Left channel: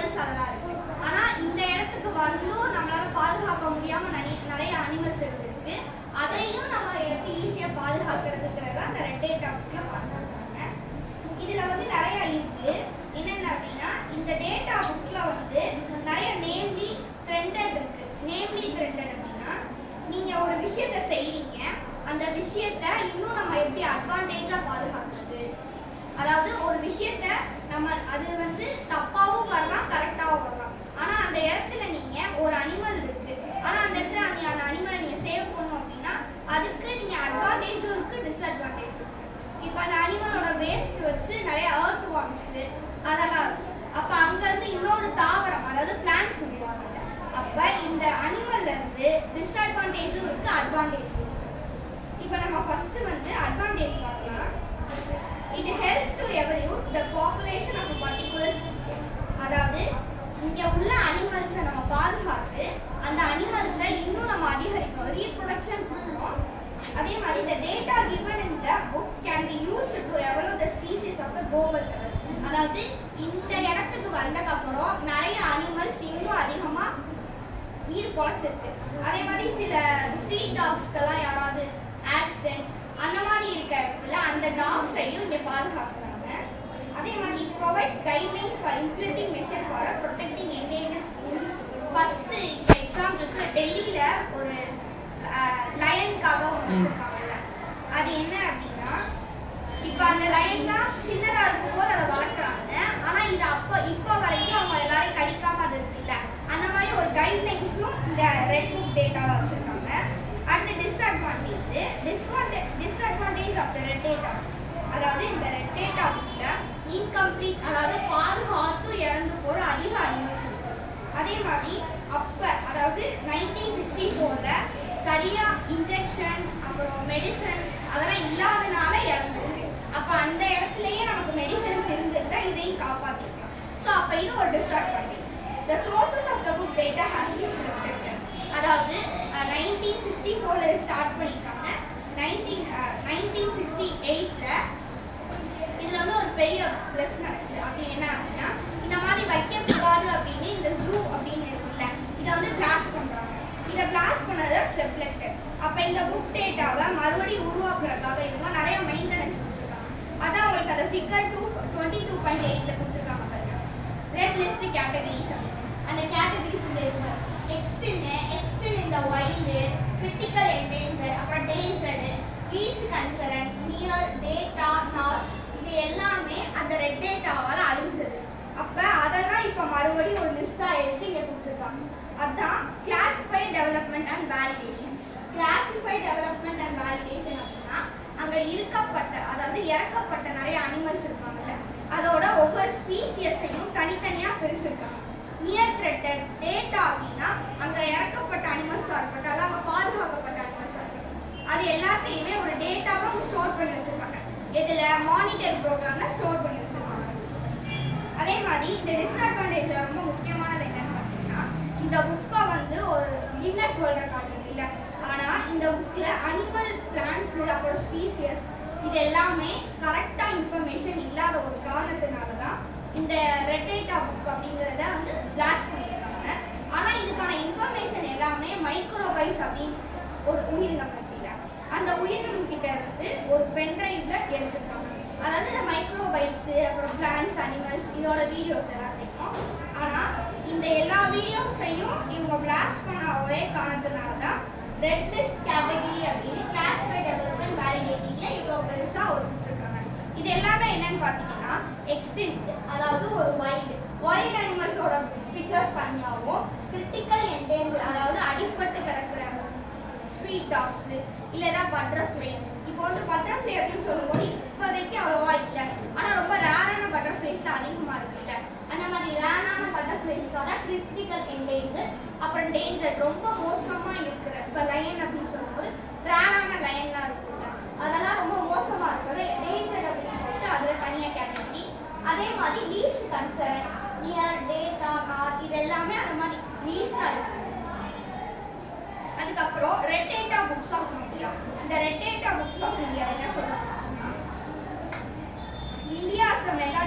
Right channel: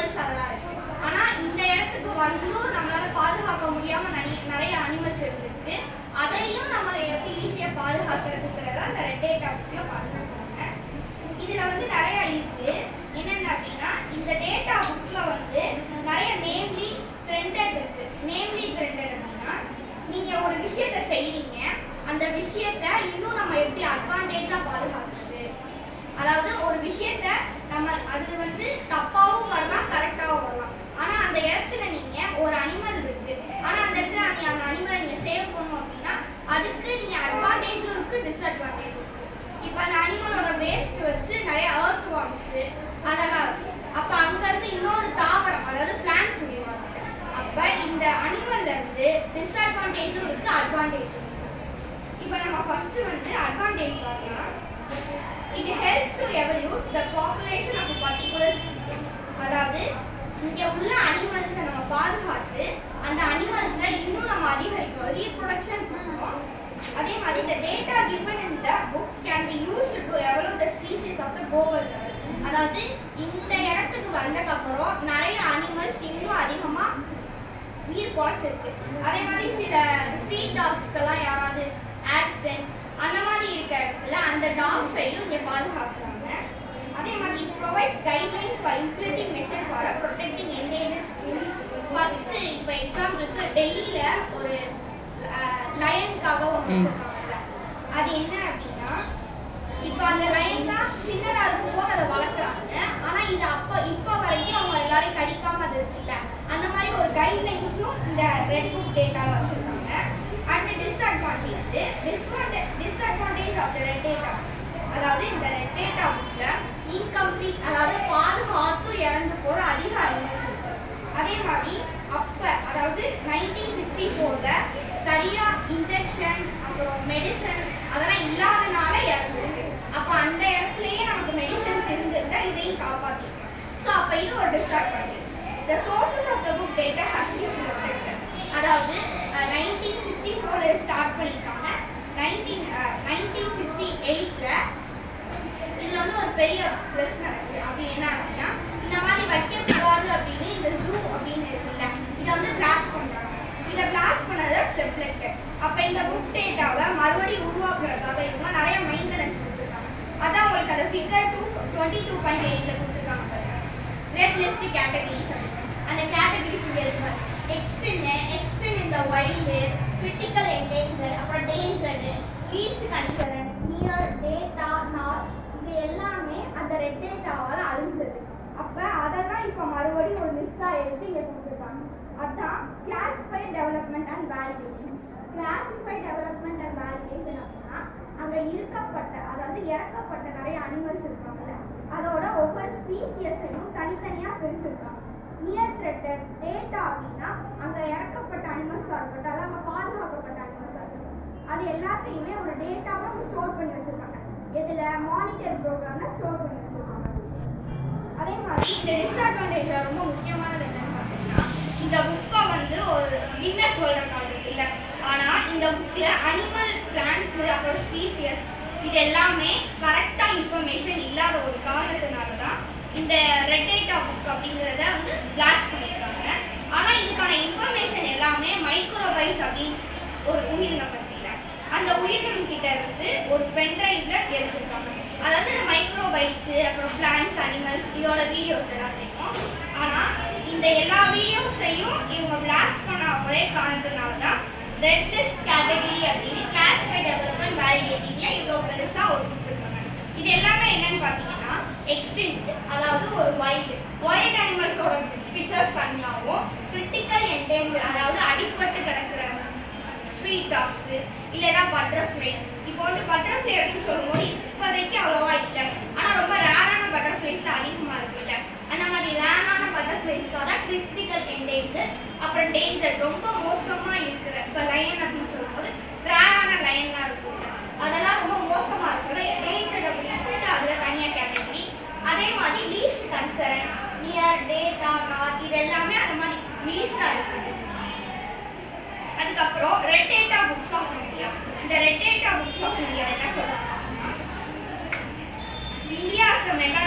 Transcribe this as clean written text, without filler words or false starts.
Animals அதெல்லாம் இருக்கு. ஆனா இந்த இடத்துக்கு வந்தும் நம்மளால பாதுகாக்க முடியாம நிறைய அனிமல்ஸ் இருந்திருக்கு. அதையும் நம்ம எப்படி ஈஸியா பாதுகாக்கிறதுக்குறத அந்த ரெட் டேட்டா புக்ல பாதுகாக்கிறாங்க. இதுல வந்து நிறைய இருக்கு. என்னென்ன அப்படின்னா இந்த டேட்டா புக்ல வந்து நிறைய நேம்லி ட்ரெண்டட் இருக்கு. நேம்லி ட்ரெண்டட் அப்படின்னா நீங்க ஒரு விஷயத்த செய்றீங்க, அந்த விஷயத்த இன்னும் நம்ம எப்படி அட்வான்டேஜா பாதுகாக்கிறது. அதாவது ஒரு விஷயத்த நம்ம அது வந்து தப்பாவும் வரலாம், கரெக்டாவும் வரலாம். ஆனா அந்த இடத்துல நீங்க ஒரு அனிமல் இருக்கு, ஆனா அந்த இடத்துல அந்த அனிமலை நீங்க சேவ் பண்ணணும் அப்படின்னா அதுக்கு நீங்க அட்வான்டேஜும் இருக்கு, டிஸ்அட்வான்டேஜும் இருக்கு. இப்ப அந்த அனிமலோட வேஸ்ட் வச்சு நிறைய எர்த் வார்ம்ஸ் அதெல்லாம் இருக்கு. அப்ப அங்க இருந்து இன்னொரு தாவரம், அதாவது பிளான்ட்ஸ் உருவாங்க. அப்ப இந்த அனிமல்ல இருந்து டிஸ்அட்வான்டேஜும் இருக்கு, அட்வான்டேஜும் இருக்கு. இப்ப நம்ம ஃபர்ஸ்ட் வந்து அட்வான்டேஜ் பார்க்கலாம். It helps to evolve the population of a particular species. அதாவது இங்க உள்ள அனிமல்ஸை நம்ம பாதுகாத்து அந்த அனிமல்ஸை இன்னும் நம்ம அதிகரிக்கணும், ரீப்ரொடக்ஷன் பண்ணணும். அதே மாதிரி the data given in the book can be used to evolve the species of the global level. அதாவது இந்த இடத்துக்கு வந்தக்கப்புறம் நிறைய அனிமல்ஸ் இன்னும் அதிகமா உயிர் பொழைச்சிருக்கு. அதே மாதிரி சில ஸ்ட்ரீட் டாக்ஸ்க்கெல்லாம் யாராவது ஆக்சிடென்ட் அந்த மாதிரி இருக்க இடத்துல அந்த டாக்ஸையும் இங்கே பாதுகாக்கிறாங்க. அதே மாதிரி it provides guidelines for implementing measures for protecting endangered species. First இப்போ எக்ஸாம்பிளுக்கு டெல்லியில ஒரு லயனுக்காக ஒன்று வச்சிருக்காங்கல்ல, அது என்ன அப்படின்னா இப்போ அந்த லயன் தான் சின்னதாக இருக்கும்போது அதை வளர்க்குறாங்க. ஆனால் இது இப்போ வரைக்கும் அவங்க எல்லாரையும் கடிக்காம அது இருக்குல்ல, அந்த மாதிரி ஒரு கைட்லைன்ஸும் இந்த ரெட் புக் டேட்டாவில் வச்சுருக்காங்க. And disadvantage of the red data, அதாவது இந்த ரெட் டேட்டா புக்ல இன்கம்ப்ளீட், அதாவது பாதுகாத்து இறந்து போற அதிக அனிமல்ஸ் இருக்கு. அதே மாதிரி அதாவது 1964ல சரியா இன்ஜெக்ஷன் அப்புறம் மெடிசன் அதெல்லாம் இல்லாதனால இறந்துருக்கு. அப்ப அந்த இடத்துலயே நமக்கு மெடிசன்ஸ் இருந்திருந்தா இதையும் காப்பாத்திக்கலாம். ஸோ அப்ப இது ஒரு disadvantage. The sources of the book data has been selected. அதாவது 1964ல ஸ்டார்ட் பண்ணிருக்காங்க. 1968ல இதுல வந்து ஒரு பெரிய பிளஸ் நடக்குது. அப்படி என்ன அப்படின்னா இந்த மாதிரி வைக்கக்கூடாது அப்படின்னு இந்த ஜூ அப்படின்னு இருக்குல்ல, இதை வந்து பிளாஸ்ட் பண்றாங்க. இதை பிளாஸ்ட் பண்ணதை செப்லெக்டட். அப்ப இந்த புக் டேட்டாவை மறுபடியும் உருவாக்குறதுக்காக இவங்க நிறைய மெயின்டெனன்ஸ் கொடுத்துருக்காங்க. அதான் உங்களுக்கு அதை ஃபிகர் 22.8ல கொடுத்துருக்காங்க பாருங்க. ரெட் லிஸ்ட் கேட்டகரிஸ் அந்த கேட்டகரிஸ் இங்க இருக்கு. எக்ஸ்டெண்ட் இந்த வைல்டு, கிரிட்டிக்கல் என்டேஞ்சர், அப்புறம் endangered, least concern, near, data, not, இது எல்லாமே அந்த ரெட் டேட்டாவால் அழிஞ்சது. அப்போ அதெல்லாம் இப்போ மறுபடியும் ஒரு லிஸ்ட்டாக எடுத்து இங்கே கொடுத்துருக்காங்க. அதுதான் classified development and validation. Classified development and validation அப்படின்னா அங்கே அதாவது இறக்கப்பட்ட நிறைய அனிமல்ஸ் இருக்காங்கல்ல, அதோட ஒவ்வொரு ஸ்பீசியஸையும் தனித்தனியாக பிரிச்சிருக்காங்க. நியர் த்ரெட்டட் டேட்டா அப்படின்னா அங்கே இறக்கப்பட்ட அனிமல்ஸாக இருக்கட்டும், அல்ல அங்கே பாதுகாக்கப்பட்ட அனிமல்ஸாக இருக்கட்டும், அது எல்லாத்தையுமே ஒரு டேட்டாவாக ஸ்டோர் பண்ணி வச்சிருக்காங்க. இதில் மானிட்டர் ப்ரோக்ராம்ல ஸ்டோர் பண்ணி வச்சிருக்காங்க. அதே மாதிரி இந்த டிஸ்அட்வான்டேஜ்ல ரொம்ப முக்கியமானது என்னன்னு பார்த்தீங்கன்னா இந்த புக்கை வந்து ஒரு கின்னஸ் வேர்ல்ட் ரெக்கார்ட் இல்லை, ஆனால் இந்த புக்கில் அனிமல், பிளான்ஸ், அப்புறம் ஸ்பீசியஸ் இது எல்லாமே கரெக்டாக இன்ஃபர்மேஷன் இல்லாத ஒரு காரணத்தினால தான் இந்த ரெட் டேட்டா புக் அப்படிங்கிறத வந்து பிளாஸ்ட் பண்ணியிருக்காங்க. ஆனால் இதுக்கான இன்ஃபர்மேஷன் எல்லாமே மைக்ரோபைட்ஸ் அப்படின்னு ஒரு உயிரினம் பற்றியில அந்த உயிரினம் கிட்ட இருந்து ஒரு பென்ட்ரைவ்ல எடுத்துருக்காங்க. அதாவது இந்த மைக்ரோபைட்ஸு, அப்புறம் பிளான்ஸ், அனிமல்ஸ் இதோட வீடியோஸ் எல்லாத்தையும். ஆனால் இந்த எல்லா வீடியோஸையும் இவங்க பிளாஸ்ட் பண்ண ஒரே காரணத்தினால தான் ரெட் லிஸ்ட் கேட்டகரி அப்படின்னு கிளாசிஃபைட் டெவலப்மெண்ட் வேலிடேட்டிங்ல இவ்வளோ பெருசாக ஒரு கொடுத்துருக்காங்க. இது எல்லாமே என்னன்னு பார்த்தீங்கன்னா எக்ஸ்டிங்க்ட், அதாவது ஒரு வைல்டு அனிமல்ஸோட பிக்சர்ஸ் தனியாகவும், கிரிட்டிக்கல் என்டேஞ்சர் அதாவது அடிப்பட்டு கிடக்கிற ஸ்ட்ரீட் டாக்ஸ் இல்லைன்னா பட்டர்ஃப்ளை. இப்போ வந்து பட்டர்ஃப்ளை அப்படின்னு சொல்லும்போது இப்போதைக்கு அவ்வளோவா இல்லை, ஆனால் ரொம்ப ரேரான பட்டர்ஃப்ளைஸ் தான் அதிகமாக இருக்குல்ல, அந்த மாதிரி ரேரான பட்டர்ஃப்ளைஸ்க்காக தான் கிரிட்டிக்கல் என்டேஞ்சர், அப்புறம் டேஞ்சர் ரொம்ப மோசமாக இருக்கிற இப்போ லயன் அப்படின்னு சொல்லும்போது ரேரான லைன்லாம் இருக்குல்ல, அதெல்லாம் ரொம்ப மோசமாக இருக்குல்ல, டேஞ்சர் அப்படின்னு சொல்லிட்டு அதில் தனியாக கேட்டகரி. அதே மாதிரி least concern, near, data, not இது எல்லாமே அந்த மாதிரி லீஸ்டாக இருக்குது. அதுக்கப்புறம் red data books of India. இந்த red data books of India என்ன சொல்றாங்கன்னா, இந்தியா as a mega